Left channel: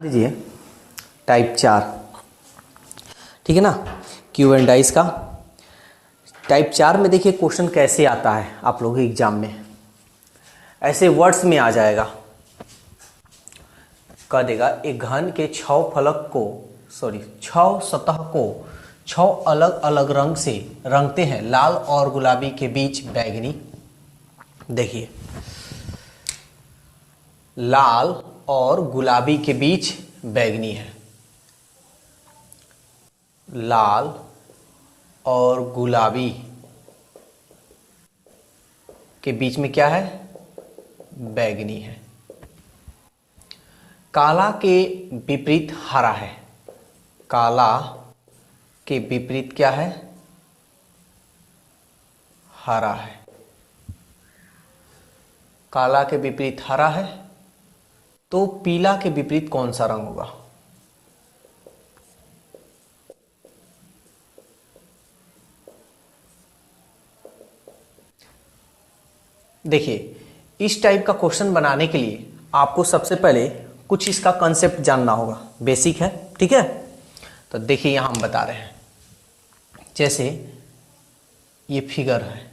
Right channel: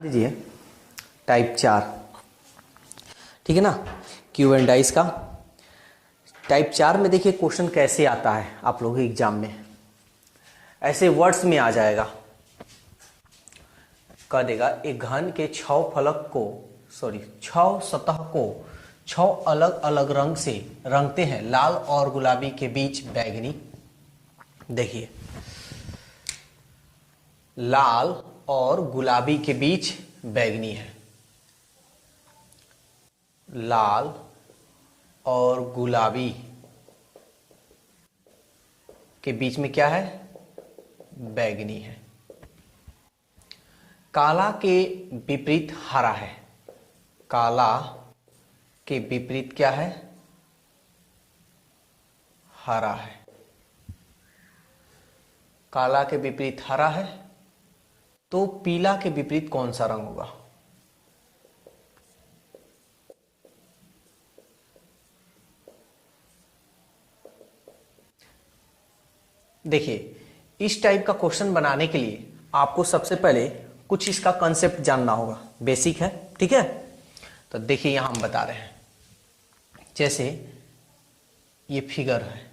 दीजिए टाइप 4। ठीक है ना, क्यू एंड डाइस का टाइप 4 में देखिए क्वेश्चन कैसे आता है आप लोगों के एग्जाम में। ऐसे वर्ड्स में आ जाएगा, कह देगा एक घन के 6 सतह को 6 अलग अलग रंग से रंगते हैं, लाल और गुलाबी के बीच बैगनी। देखिए लाल और गुलाबी के बीच बैगनी है, लाल और गुलाबी के बीच में क्या है, बैगनी है। काला के विपरीत हरा है, काला के विपरीत क्या है, हरा है। काला के विपरीत हरा है, तो पीला के विपरीत कौन सा रंग होगा? देखिए इस टाइप का क्वेश्चन बनाने के लिए आपको सबसे पहले कुछ इसका कंसेप्ट जानना होगा, बेसिक है। ठीक है, तो देखिए यहां हम बता रहे हैं, जैसे ये फिगर है,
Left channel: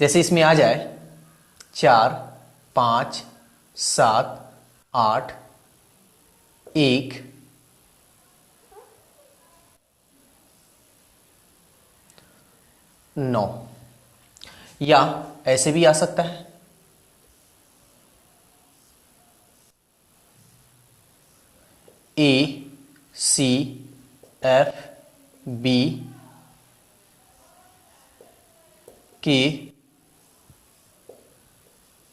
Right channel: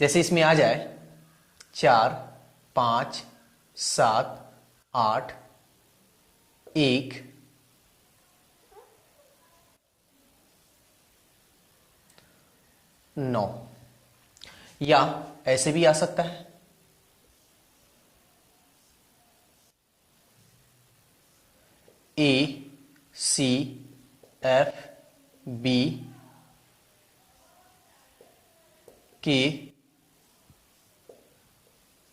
जैसे इसमें आ जाए 4 5 7 8 1 9, या ऐसे भी आ सकता है A C F B K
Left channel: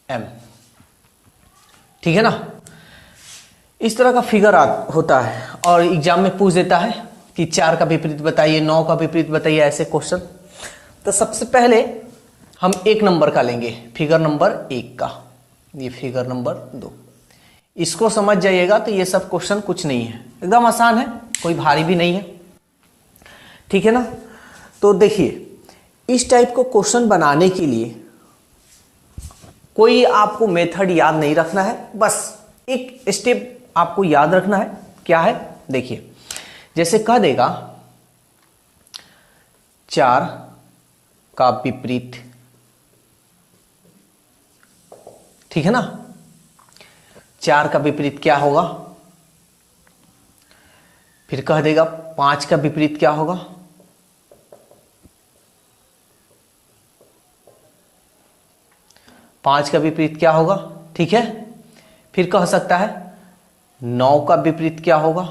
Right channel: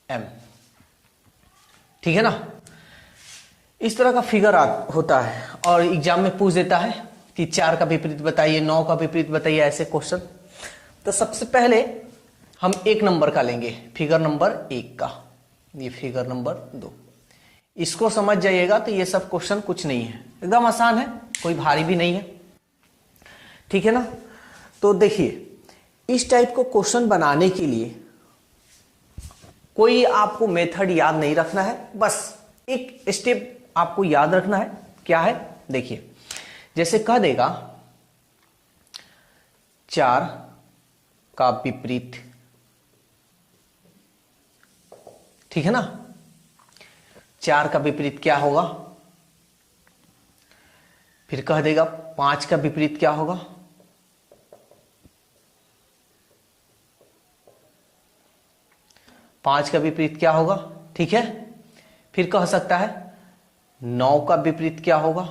M। ठीक है ना, इस तरह का फिगर होता है और एग्जाम में पूछ देता है कि 4 का विपरीत बताइए, 9 का विपरीत बताइए, ऐसे क्वेश्चन। तो सबसे पहले हम 1 नंबर का लेंगे, फिगर नंबर 1 का, ये फिगर नंबर 2। इसको समझ जाइएगा तो ये सब क्वेश्चन कुछ नहीं है, एकदम आसान है, कोई भारी भी नहीं है। ठीक है ना, तो देखिए इस टाइप को क्वेश्चन बनाने के लिए कोई आपको मेथड याद नहीं रखना है, बस एक स्टेप आपको याद रखना है। क्या है? देखिए जैसे कह देगा 4 का विपरीत, ठीक है ना, 4 का विपरीत क्या होगा। फिर कह देगा 5 का विपरीत क्या होगा, 5 का विपरीत क्या होगा। ठीक है, फिर कह सकता है 9 का विपरीत क्या होगा।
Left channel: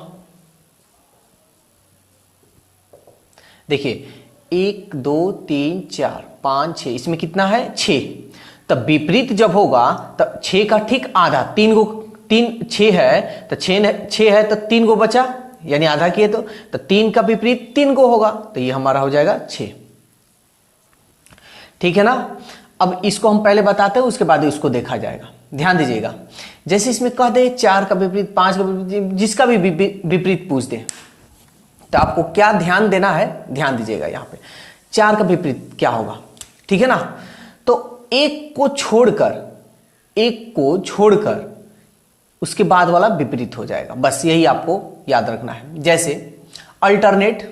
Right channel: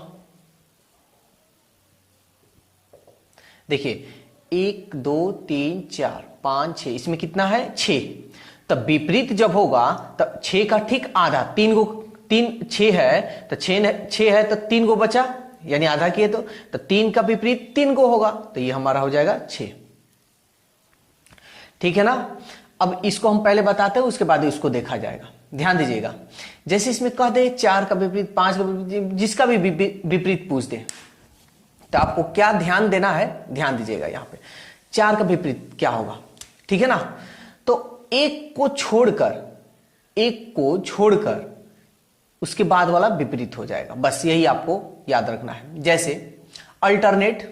देखिए 1 2 3 4 5 6, इसमें कितना है 6। तब विपरीत जब होगा तब 6 का ठीक आधा, 6 है तो 6 है तो 3 गो बचा, यानी आधा किए तो 3 का विपरीत 3 गो होगा, तो ये हमारा हो जाएगा 6। ठीक है ना, अब इसको हम पहले बताते हैं, उसके बाद इसको देखा जाएगा। ध्यान दीजिएगा, जैसे इसमें कह दे 4 का विपरीत, 5 का विपरीत, जिसका भी विपरीत पूछ दे, तो आपको क्या ध्यान देना है, ध्यान दीजिएगा यहां पे 4 का विपरीत क्या होगा। ठीक है ना, तो एक को छोड़कर उसके बाद वाला विपरीत हो जाएगा, बस यही आपको याद रखना है। जैसे अल्टरनेट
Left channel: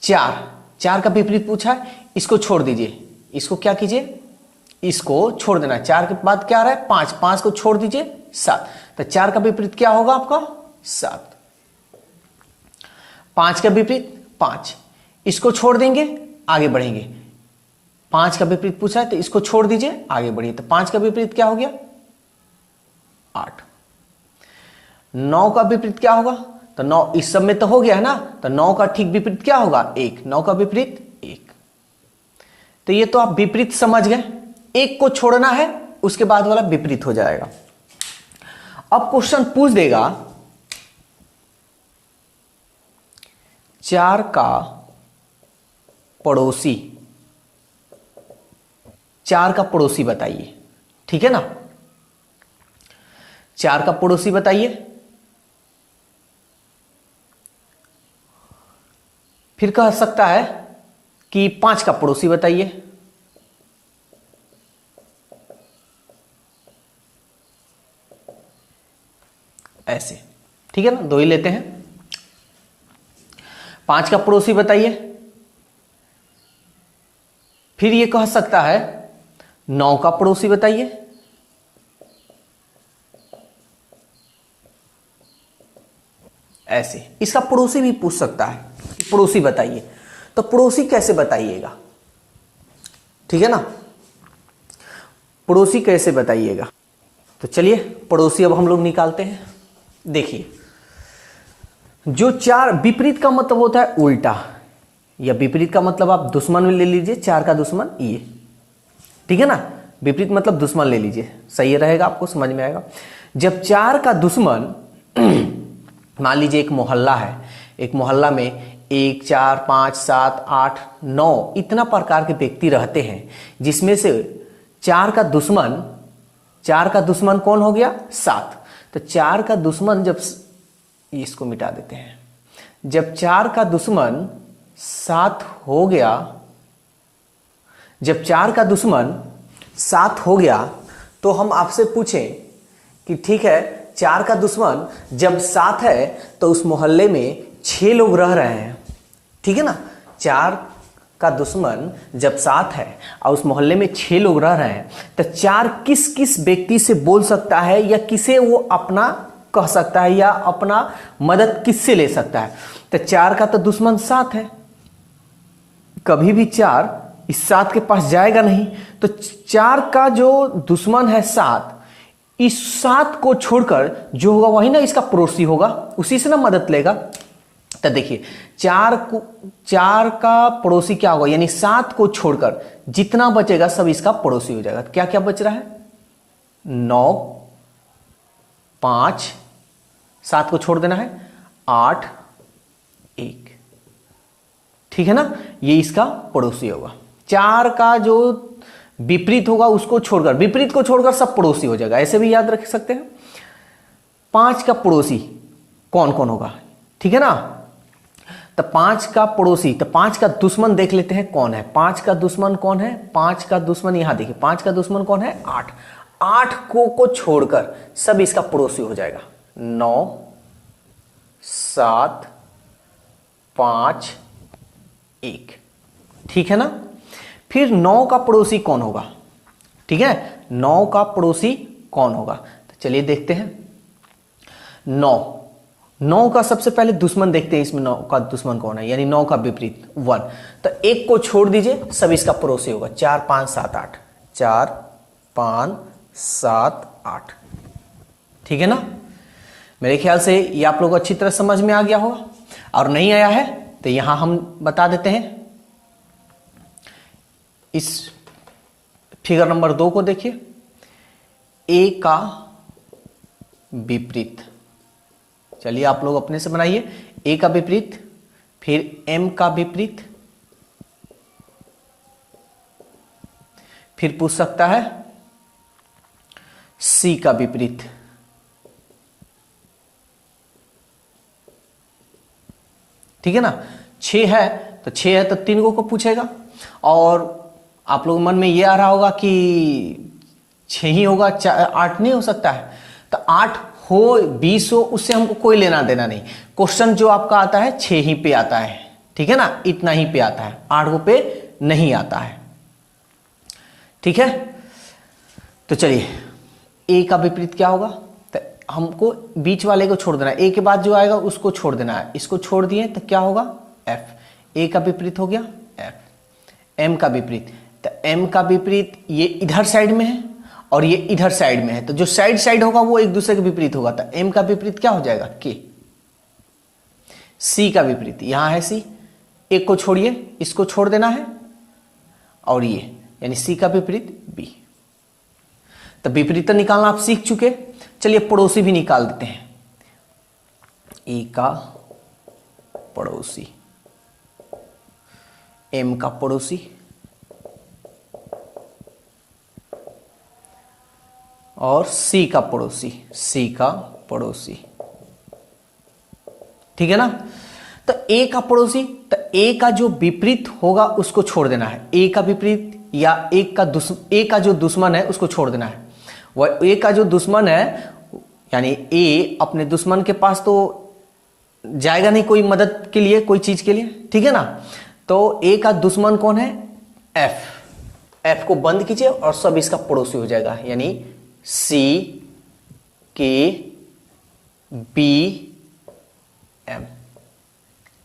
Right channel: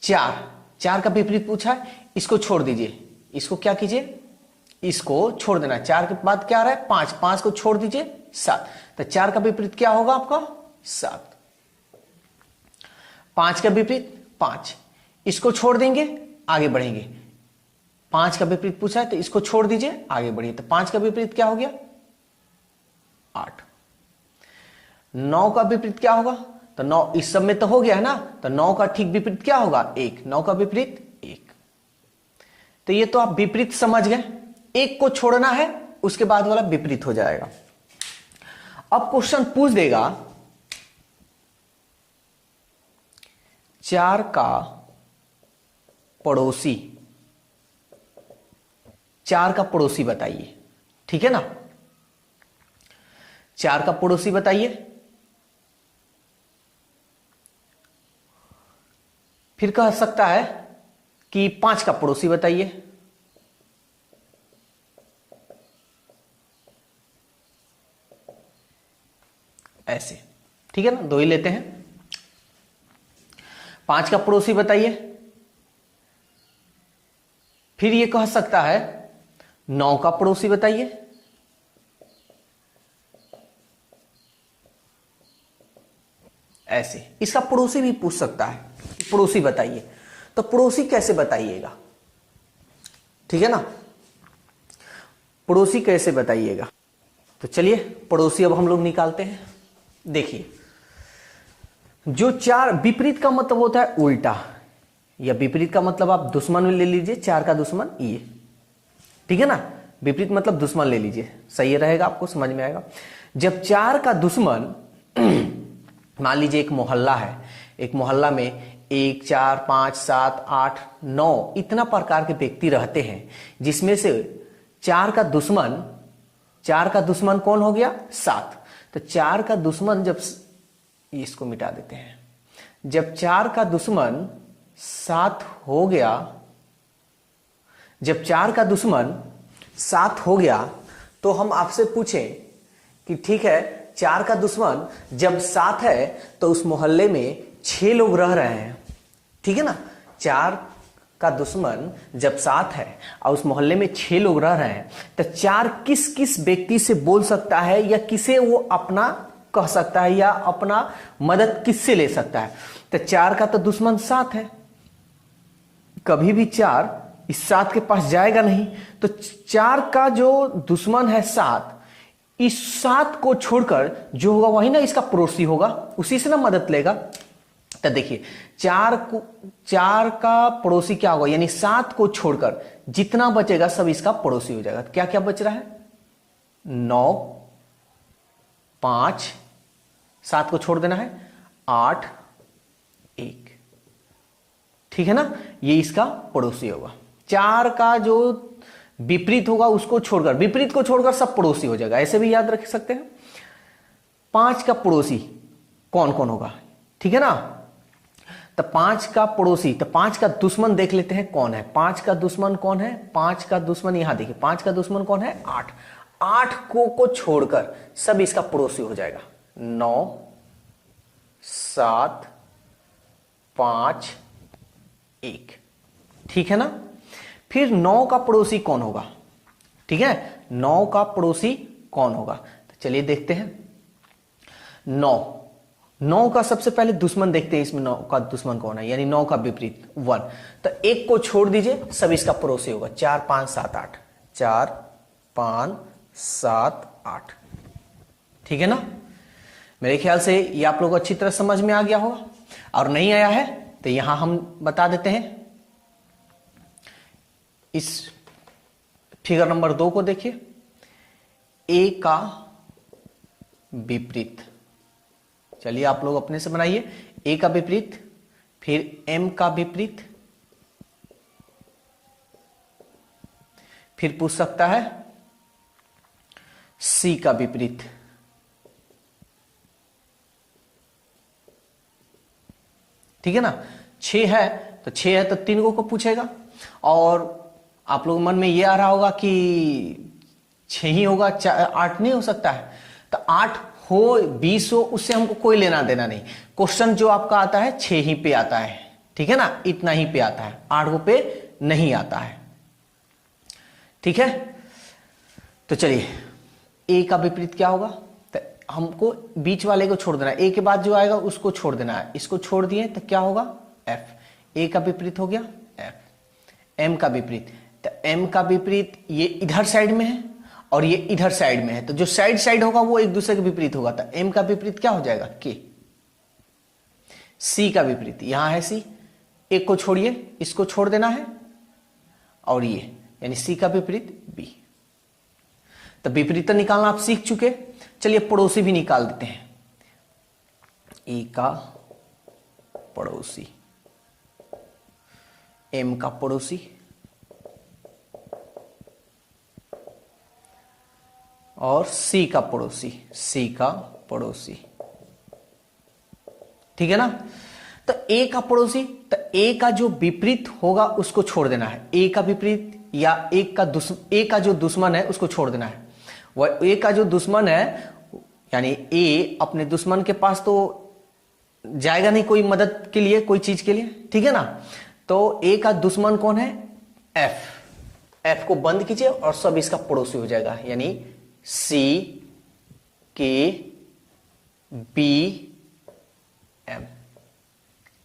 4 का विपरीत पूछा है, इसको छोड़ दीजिए, इसको क्या कीजिए, इसको छोड़ देना। 4 के बाद क्या आ रहा है 5 को छोड़ दीजिए 7, तो 4 का विपरीत क्या होगा आपका 7। 5 का विपरीत 5, इसको छोड़ देंगे आगे बढ़ेंगे। 5 का विपरीत पूछा है तो इसको छोड़ दीजिए आगे बढ़िए, तो 5 का विपरीत क्या हो गया 8। 9 का विपरीत क्या होगा, तो 9 इस सब में तो हो गया है ना, तो 9 का ठीक विपरीत क्या होगा 1, 9 का विपरीत 1। तो ये तो आप विपरीत समझ गए, एक को छोड़ना है उसके बाद वाला विपरीत हो जाएगा। अब क्वेश्चन पूछ देगा 4 का पड़ोसी, 4 का पड़ोसी बताइए। ठीक है ना, 4 का पड़ोसी बताइए। फिर कह सकता है कि 5 का पड़ोसी बताइए। ऐसे, ठीक है ना, 2 ही लेते हैं। 5 का पड़ोसी बताइए। फिर ये कह सकता है 9 का पड़ोसी बताइए। ऐसे इसका पड़ोसी भी पूछ सकता है, पड़ोसी बताइए। तो पड़ोसी कैसे बताइएगा, ठीक है ना, पड़ोसी कैसे बताइएगा। तो चलिए पड़ोसी अब हम लोग निकालते हैं। देखिए, जो 4 विपरीत का मतलब होता है उल्टा, या विपरीत का मतलब आप दुश्मन में ले लीजिए, 4 का दुश्मन ये, ठीक है ना, विपरीत मतलब दुश्मन ले लीजिए, सही रहेगा, आपको समझ में आएगा। जब 4 का दुश्मन मान लीजिए एक मोहल्ला है, एक मोहल्ला में 1, 4, 5, 7, 8, 9 इतना प्रकार के व्यक्ति रहते हैं, जिसमें से 4 का दुश्मन कौन हो गया, 7। तो 4 का दुश्मन जब, इसको मिटा देते हैं, जब 4 का दुश्मन 7 हो गया, जब 4 का दुश्मन 7 हो गया, तो हम आपसे पूछें कि ठीक है, 4 का दुश्मन जब 7 है तो उस मोहल्ले में 6 लोग रह रहे हैं, ठीक है ना। 4 का दुश्मन जब 7 है और उस मोहल्ले में 6 लोग रह रहे हैं, तो 4 किस किस व्यक्ति से बोल सकता है, या किसे वो अपना कह सकता है, या अपना मदद किससे ले सकता है। तो 4 का तो दुश्मन 7 है, कभी भी 4 इस 7 के पास जाएगा नहीं। तो 4 का जो दुश्मन है 7, इस 7 को छोड़कर जो होगा वही ना इसका पड़ोसी होगा, उसी से ना मदद लेगा। तो देखिए 4 का पड़ोसी क्या होगा, यानी 7 को छोड़कर जितना बचेगा सब इसका पड़ोसी हो जाएगा। क्या क्या बच रहा है, 9, 5, 7 को छोड़ देना है, 8, 1, ठीक है ना, ये इसका पड़ोसी होगा। 4 का जो विपरीत होगा उसको छोड़कर, विपरीत को छोड़कर सब पड़ोसी हो जाएगा, ऐसे भी याद रख सकते हैं। 5 का पड़ोसी कौन कौन होगा, ठीक है ना। तो 5 का पड़ोसी, तो 5 का दुश्मन देख लेते हैं कौन है। 5 का दुश्मन कौन है, 5 का दुश्मन यहां देखिए, 5 का दुश्मन कौन है, 8। 8 को छोड़कर सब इसका पड़ोसी हो जाएगा। 9, 7, 5, 1, ठीक है ना। फिर 9 का पड़ोसी कौन होगा, ठीक है, 9 का पड़ोसी कौन होगा। तो चलिए देखते हैं। 9 का सबसे पहले दुश्मन देखते हैं, इसमें 9 का दुश्मन कौन है, यानी 9 का विपरीत 1। तो 1 को छोड़ दीजिए, सब इसका पड़ोसी होगा। 4, 5, 7, 8, 4, 5, 7, 8, ठीक है ना। मेरे ख्याल से ये आप लोग अच्छी तरह समझ में आ गया होगा, और नहीं आया है तो यहां हम बता देते हैं। इस फिगर नंबर 2 को देखिए, ए का विपरीत, चलिए आप लोग अपने से बनाइए। ए का विपरीत, फिर एम का विपरीत, फिर पूछ सकता है सी का विपरीत, ठीक है ना। 6 है तो 6 है तो 3 को पूछेगा, और आप लोग मन में ये आ रहा होगा कि 6 ही होगा, 8 नहीं हो सकता है। तो 8 हो 20 हो, उससे हमको कोई लेना देना नहीं। क्वेश्चन जो आपका आता है 6 ही पे आता है, ठीक है ना, इतना ही पे आता है, 8 पे नहीं आता है, ठीक है। तो चलिए ए का विपरीत क्या होगा, तो हमको बीच वाले को छोड़ देना है, ए के बाद जो आएगा उसको छोड़ देना है। इसको छोड़ दिए तो क्या होगा, एफ। ए का विपरीत हो गया एफ। एम का विपरीत, तो एम का विपरीत ये इधर साइड में है और ये इधर साइड में है, तो जो साइड साइड होगा वो एक दूसरे के विपरीत होगा। तो एम का विपरीत क्या हो जाएगा, के। सी का विपरीत, यहां है सी, एक को छोड़िए, इसको छोड़ देना है, और ये यानी सी का विपरीत बी। तो विपरीत निकालना आप सीख चुके, चलिए पड़ोसी भी निकाल देते हैं। ए का पड़ोसी, एम का पड़ोसी, और सी का पड़ोसी, सी का पड़ोसी, ठीक है ना। तो ए का पड़ोसी तो ए का जो विपरीत होगा उसको छोड़ देना है। ए का विपरीत या ए का जो दुश्मन है उसको छोड़ देना है। वह ए का जो दुश्मन है यानी ए अपने दुश्मन के पास तो जाएगा नहीं कोई मदद के लिए, कोई चीज के लिए, ठीक है ना। तो ए का दुश्मन कौन है? एफ। एफ को बंद कीजिए और सब इसका पड़ोसी हो जाएगा, यानी सी के बी एम,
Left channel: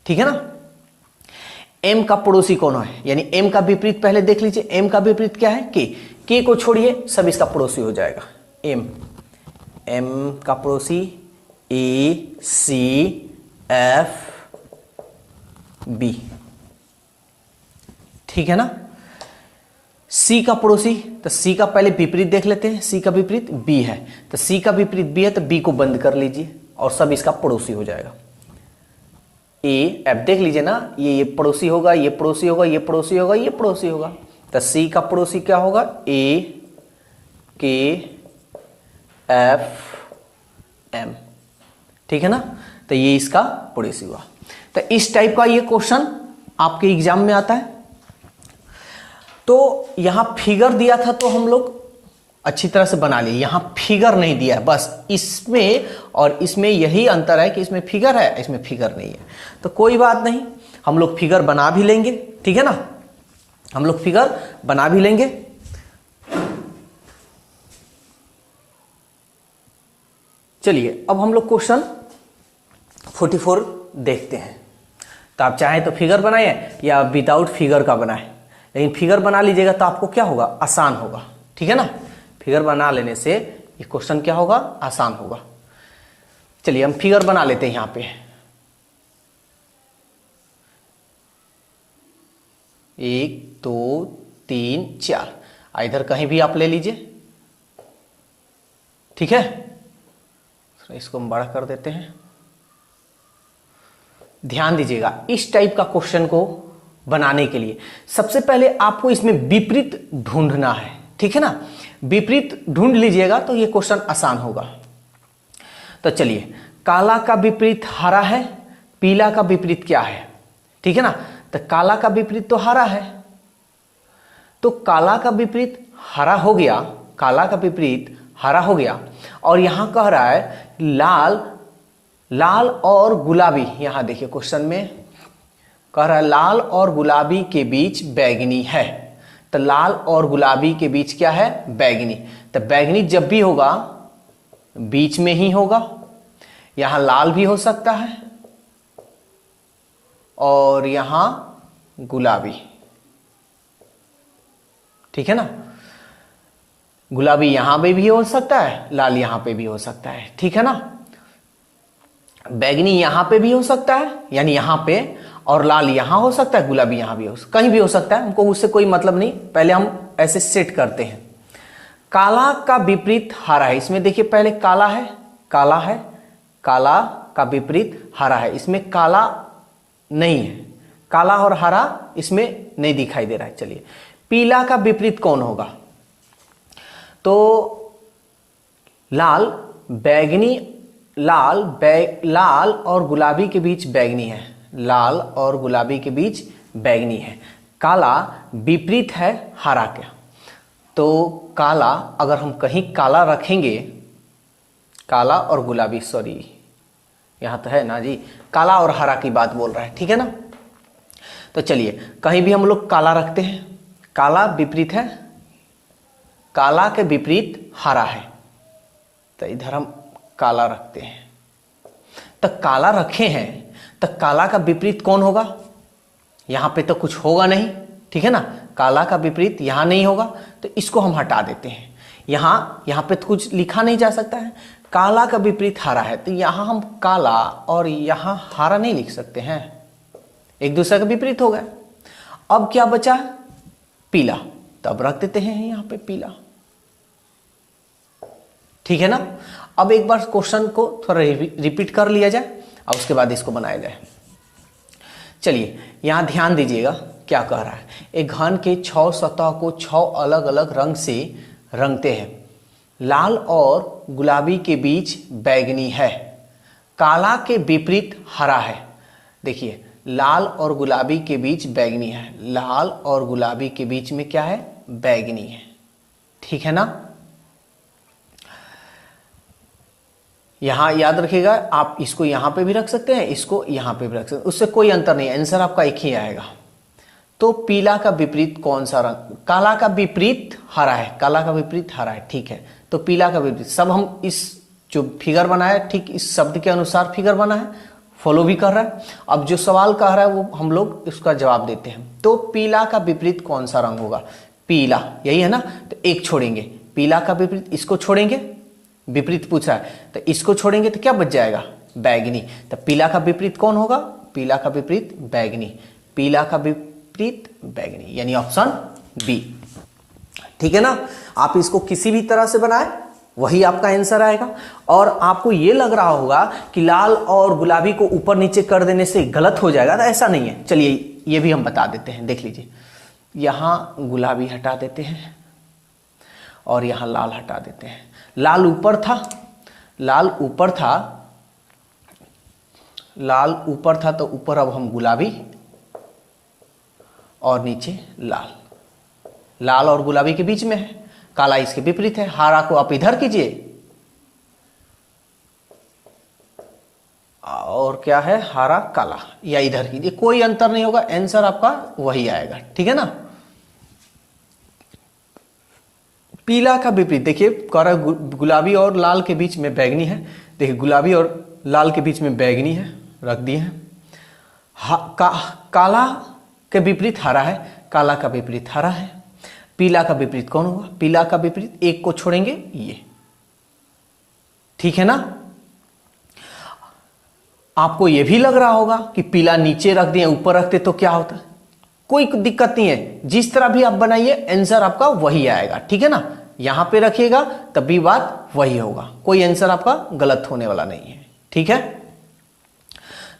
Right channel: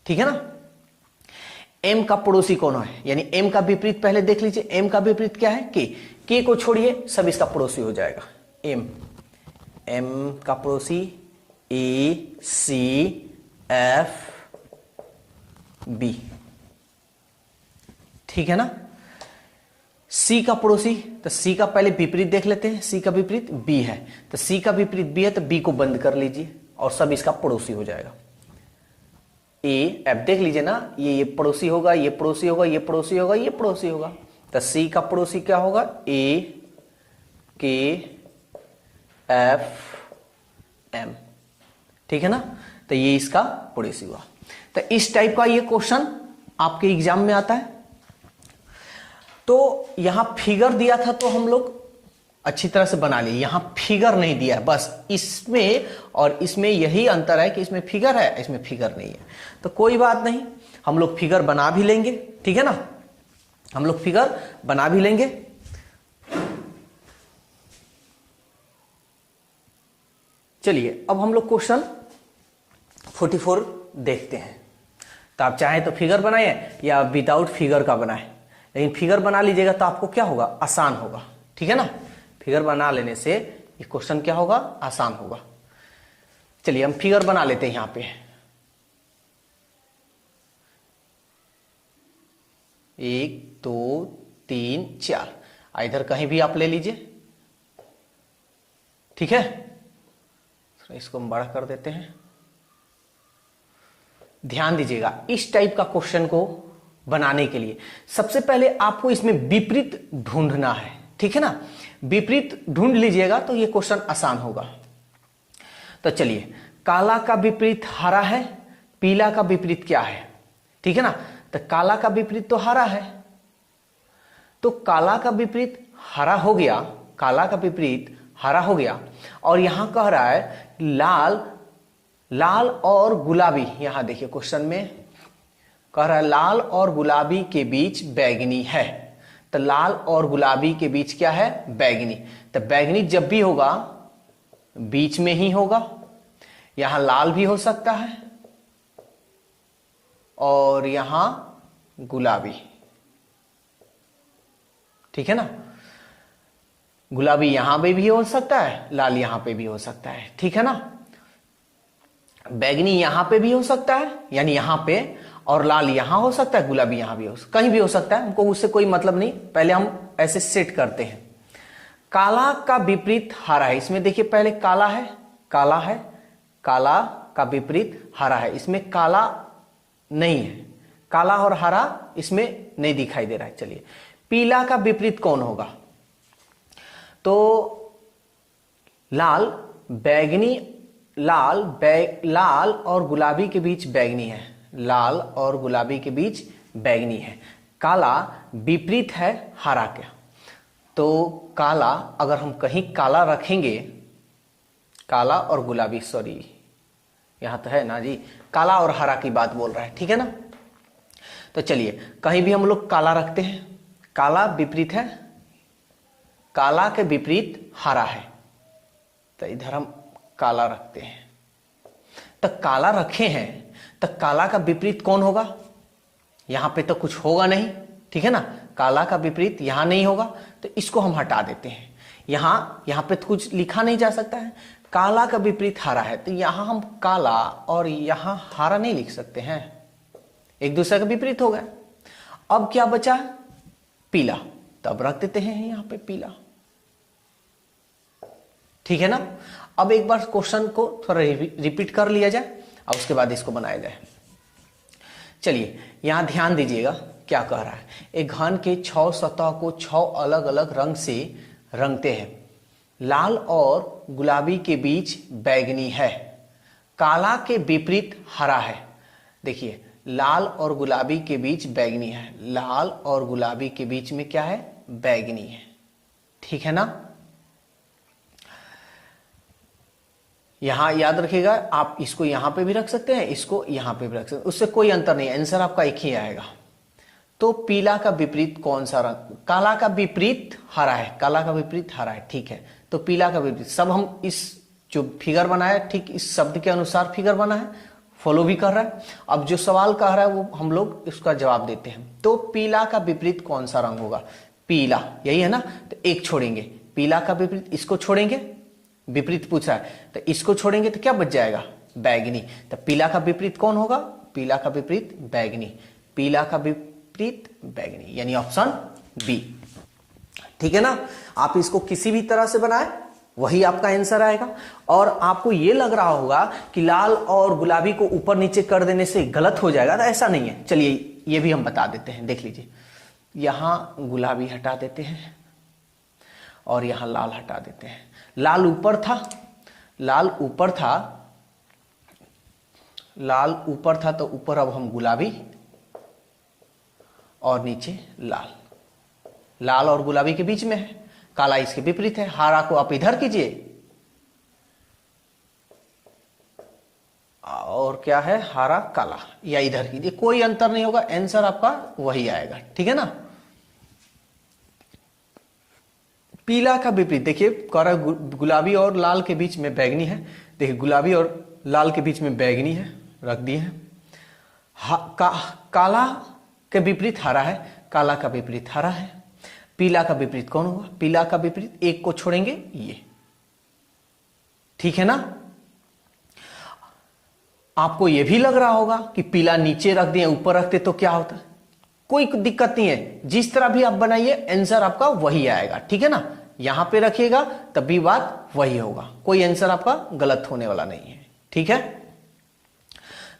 ठीक है ना। एम का पड़ोसी कौन है? यानी एम का विपरीत पहले देख लीजिए। एम का विपरीत क्या है? के को छोड़िए, सब इसका पड़ोसी हो जाएगा। एम का पड़ोसी ए सी एफ बी, ठीक है ना। सी का पड़ोसी, तो सी का पहले विपरीत देख लेते हैं। सी का विपरीत बी है, तो सी का विपरीत बी है, तो बी को बंद कर लीजिए और सब इसका पड़ोसी हो जाएगा। ए एफ देख लीजिए ना, ये पड़ोसी होगा, ये पड़ोसी होगा, ये पड़ोसी होगा, ये पड़ोसी होगा। तो सी का पड़ोसी क्या होगा? ए के एफ एम, ठीक है ना। तो ये इसका पड़ोसी हुआ। तो इस टाइप का ये क्वेश्चन आपके एग्जाम में आता है। तो यहां फिगर दिया था तो हम लोग अच्छी तरह से बना लिए। यहां फिगर नहीं दिया है, बस इसमें और इसमें यही अंतर है कि इसमें फिगर है, इसमें फिगर नहीं है। तो कोई बात नहीं, हम लोग फिगर बना भी लेंगे, ठीक है ना। हम लोग फिगर बना भी लेंगे। चलिए अब हम लोग क्वेश्चन 44 देखते हैं। तो आप चाहे तो फिगर बनाए या विदाउट फिगर का बनाए, लेकिन फिगर बना लीजिएगा तो आपको क्या होगा? आसान होगा, ठीक है ना। फिगर बना लेने से ये क्वेश्चन क्या होगा? आसान होगा। चलिए हम फिगर बना लेते हैं। यहां पे 1 2 3 4, इधर कहीं भी आप ले लीजिए, ठीक है। तो इसको हम बड़ा कर देते हैं। ध्यान दीजिएगा, इस टाइप का क्वेश्चन को बनाने के लिए सबसे पहले आपको इसमें विपरीत ढूंढना है, ठीक है ना। विपरीत ढूंढ लीजिएगा तो ये क्वेश्चन आसान होगा। तो चलिए, काला का विपरीत हरा है, पीला का विपरीत क्या है, ठीक है ना। तो काला का विपरीत तो हरा है, तो काला का विपरीत हरा हो गया, काला का विपरीत हरा हो गया। और यहां कह रहा है लाल, लाल और गुलाबी। यहां देखिए क्वेश्चन में कह रहा है लाल और गुलाबी के बीच बैगनी है। तो लाल और गुलाबी के बीच क्या है? बैगनी। तो बैगनी जब भी होगा बीच में ही होगा। यहां लाल भी हो सकता है और यहां गुलाबी, ठीक है ना। गुलाबी यहां पे भी हो सकता है, लाल यहां पे भी हो सकता है, ठीक है ना। बैगनी यहां पे भी हो सकता है, यानी यहां पे, और लाल यहां हो सकता है, गुलाबी यहां भी कहीं भी हो सकता है। हमको उससे कोई मतलब नहीं, पहले हम ऐसे सेट करते हैं। काला का विपरीत हरा है। इसमें देखिए पहले काला है, काला है, काला का विपरीत हरा है। इसमें काला नहीं है, काला और हरा इसमें नहीं दिखाई दे रहा है। चलिए, पीला का विपरीत कौन होगा? तो लाल, बैगनी, लाल और गुलाबी के बीच बैगनी है, लाल और गुलाबी के बीच बैगनी है। काला विपरीत है हरा के, तो काला अगर हम कहीं काला रखेंगे, काला और गुलाबी, सॉरी यहां तो है ना जी, काला और हरा की बात बोल रहा है, ठीक है ना। तो चलिए कहीं भी हम लोग काला रखते हैं, काला विपरीत है, काला के विपरीत हरा है, तो इधर हम काला रखते हैं। तो काला रखे हैं, तो काला का विपरीत कौन होगा? यहां पे तो कुछ होगा नहीं, ठीक है ना। काला का विपरीत यहां नहीं होगा, तो इसको हम हटा देते हैं। यहां पे तो कुछ लिखा नहीं जा सकता है। काला का विपरीत हरा है, तो यहां हम काला और यहां हरा नहीं लिख सकते हैं, एक दूसरे का विपरीत हो गया। अब क्या बचा? पीला, तब रख देते हैं यहां पे पीला, ठीक है ना। अब एक बार क्वेश्चन को थोड़ा रिपीट कर लिया जाए और उसके बाद इसको बनाया जाए। चलिए यहां ध्यान दीजिएगा क्या कह रहा है। एक घन के 6 सतह को 6 अलग अलग रंग से रंगते हैं। लाल और गुलाबी के बीच बैगनी है, काला के विपरीत हरा है। देखिए लाल और गुलाबी के बीच बैगनी है, लाल और गुलाबी के बीच में क्या है, बैगनी है, ठीक है ना। यहां याद रखिएगा, आप इसको यहां पे भी रख सकते हैं, इसको यहां पे भी रख सकते हैं, उससे कोई अंतर नहीं, आंसर आपका एक ही आएगा। तो पीला का विपरीत कौन सा रंग, काला का विपरीत हरा है, काला का विपरीत हरा है, ठीक है। तो पीला का विपरीत, सब हम इस जो फिगर बनाया ठीक इस शब्द के अनुसार फिगर बना है, फॉलो भी कर रहा है। अब जो सवाल कह रहा है वो हम लोग उसका जवाब देते हैं। तो पीला का विपरीत कौन सा रंग होगा, पीला, यही है ना। तो एक छोड़ेंगे, पीला का विपरीत इसको छोड़ेंगे, विपरीत पूछा है तो इसको छोड़ेंगे तो क्या बच जाएगा, बैगनी। तो पीला का विपरीत कौन होगा, पीला का विपरीत बैगनी, पीला का विपरीत बैगनी, यानी ऑप्शन बी, ठीक है ना। आप इसको किसी भी तरह से बनाए वही आपका आंसर आएगा। और आपको यह लग रहा होगा कि लाल और गुलाबी को ऊपर नीचे कर देने से गलत हो जाएगा, तो ऐसा नहीं है। चलिए ये भी हम बता देते हैं, देख लीजिए, यहां गुलाबी हटा देते हैं और यहां लाल हटा देते हैं। लाल ऊपर था, लाल ऊपर था, लाल ऊपर था, तो ऊपर अब हम गुलाबी और नीचे लाल, लाल और गुलाबी के बीच में है, काला इसके विपरीत है। हरा को आप इधर कीजिए और क्या है, हरा काला, या इधर कीजिए, कोई अंतर नहीं होगा, आंसर आपका वही आएगा, ठीक है ना। पीला का विपरीत देखिए, गुलाबी और लाल के बीच में बैगनी है, देखिए गुलाबी और लाल के बीच में बैगनी है, रख दिए हैं। काला के विपरीत हरा है, काला का विपरीत हरा है। पीला का विपरीत कौन होगा, पीला का विपरीत एक को छोड़ेंगे ये, ठीक है ना। आपको यह भी लग रहा होगा कि पीला नीचे रख दिए, ऊपर रखते तो क्या होता, कोई दिक्कत नहीं है, जिस तरह भी आप बनाइए आंसर आपका वही आएगा, ठीक है ना। यहां पे रखिएगा तब भी बात वही होगा, कोई आंसर आपका गलत होने वाला नहीं है, ठीक है।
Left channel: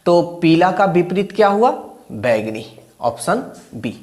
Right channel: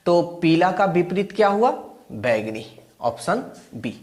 तो पीला का विपरीत क्या हुआ, बैगनी, ऑप्शन बी।